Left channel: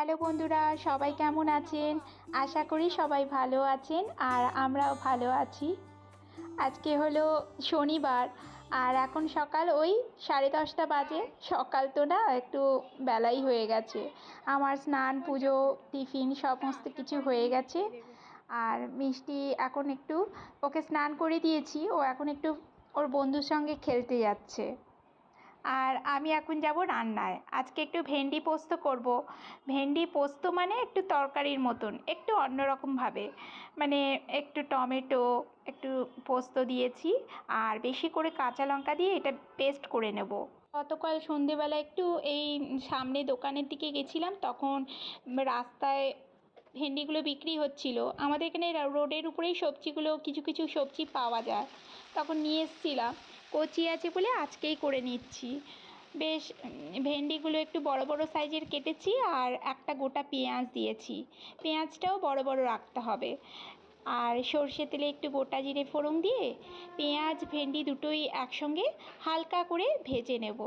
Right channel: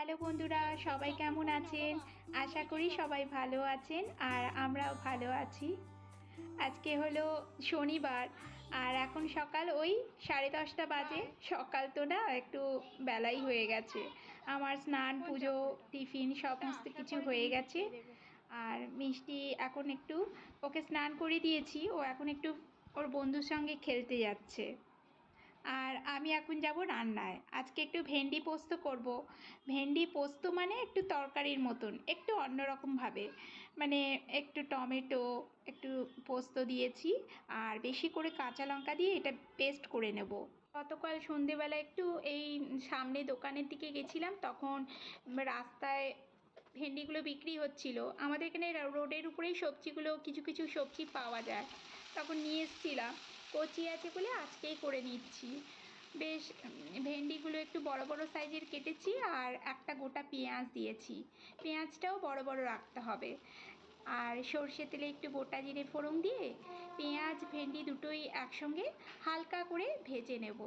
Hello বন্ধুরা, সবাই কেমন আছেন? আশা করি সবাই ভালো আছেন আর আমরাও ভালো আছি। আজকে হলো শনিবার আর এখন সকাল ওই সাড়ে দশটা বাজে। সকাল তো না, একটু বেলাই হয়ে গেছে। আমার স্নান, পুজো, টিফিন সমস্ত কিছু হয়ে গেছে। আর মিষ্টি এখন একটু ওকে স্নান করে দিয়েছি। ও এখন একটু ওর বন্ধুর সঙ্গে খেলতে যাচ্ছে। আর আমি এখন যাব রান্নায়। আজকে একটু ভেন্ডি পোস্ত করব। ভেন্ডি পোস্ত মানে একটু তরকারির মতন, একটু অন্যরকমভাবে মানে একটু টমেটো, একটু পোস্ত দিয়েছি আর বেশি করে কাঁচা লঙ্কা দিয়ে এটা পেস্ট করে নেব। গতকাল সন্ধেবেলা একটু এই সামনে দোকানের দিকে গেছিলাম, তখন রাস্তায় ভেন্ডিগুলো বিক্রি হচ্ছিল। আমাদের এখানে রোডের উপরেই সবজিগুলো, কিছু কিছু সবজি পাওয়া যায়। তখন নিয়ে এসেছিলাম। কচি আছে বলে আজকেই করে নিচ্ছি। বেশ ভেন্ডিগুলো একটু বড় বড় সাইজের কেটেছি আর একটা গোটা পেঁয়াজ দিয়েছি। পেঁয়াজটাও বড় বড় রাখতে হবে। আর সর্ষে তেলে একটু গোটা জিরে ফোড়ন দিয়ে পেঁয়াজ, ভেন্ডি দুটোই একসঙ্গে হালকা করে ভেজে নেব।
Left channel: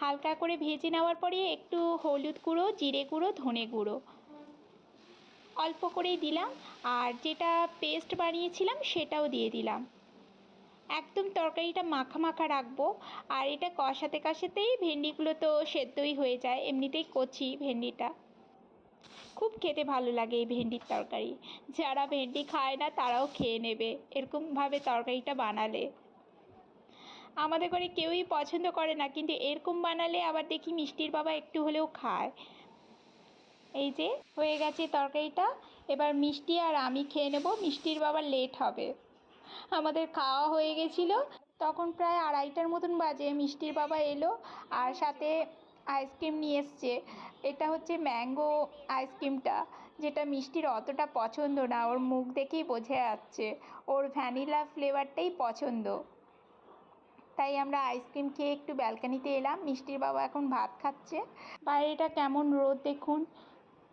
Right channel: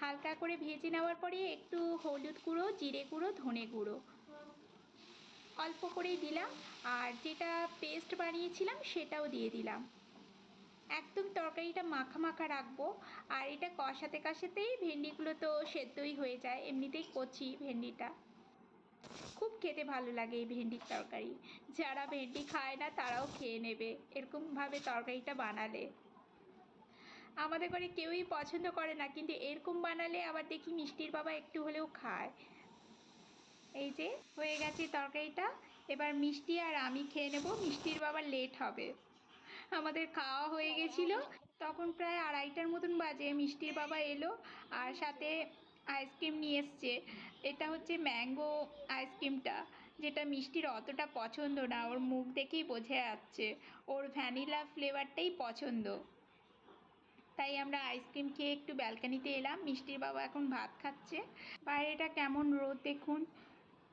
হালকা করে ভেজে নেওয়ার পরে একটু হলুদ গুঁড়ো, জিরে গুঁড়ো, ধনে গুঁড়ো। অল্প করেই দিলাম আর যেটা পেস্ট বানিয়েছিলাম সেটাও দিয়ে দিলাম। একদম তরকারিটা মাখা মাখা রাখব। আর এটা কষাতে কষাতেই ভেন্ডিগুলো তো সেদ্ধই হয়ে যায়, এমনিতেই কচি ভেন্ডিটা। খুব খেতে ভালো লাগে এই ভেন্ডির তরকারি। যারা ভেন্ডি খায় না, তারাও খেয়ে নেবে, এরকমভাবে তরকারিটা বানালে। আমাদের ঘরে কেউই পছন্দ করে না, কিন্তু এরকম বানালে আবার দেখি মিষ্টির বাবা একটু হলেও খায়। এই যে, হয়ে গেছে তরকারিটা। এবার মিষ্টি আর আমি খেয়ে নেব, মিষ্টির বাবার লেট হবে। আমাদের খাওয়া হয়ে গেছিল। তখন প্রায় আড়াইটার মতন বাজে। মিষ্টির বাবা এলো আর সাথে আইসক্রিম নিয়ে এসছে। এটা হচ্ছে ম্যাঙ্গো আইসক্রিমটা, যেটা মিষ্টির অতটা পছন্দ না। ওর মুখ দেখেই বোঝা যাচ্ছে। ওর ভ্যানিলা ফ্লেভারটাই পছন্দ। তাই আমরা আইসক্রিম খেয়ে একটু ব্যালকানিতে এলাম। মিষ্টির বাবা এখন ভাত খাচ্ছে। বাইরেটা কেমন রোদ দেখুন।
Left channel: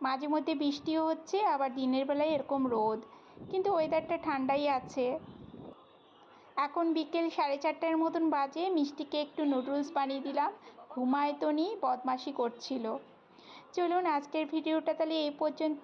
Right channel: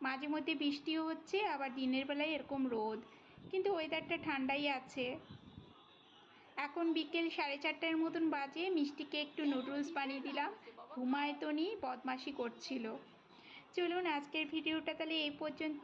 মাঝে মধ্যে বৃষ্টিও হচ্ছে, আবার দিনের বেলায় এরকম রোদ। কিন্তু ওয়েদারটা ঠান্ডাই আছে। এখন বিকেল সাড়ে চারটার মতন বাজে, মিষ্টিকে একটু নুডলস বানিয়ে দিলাম। ঘুমায়তনি বদমাশি করছিল। চলুন আজকের ভিডিওটা তাহলে এই পর্যন্ত।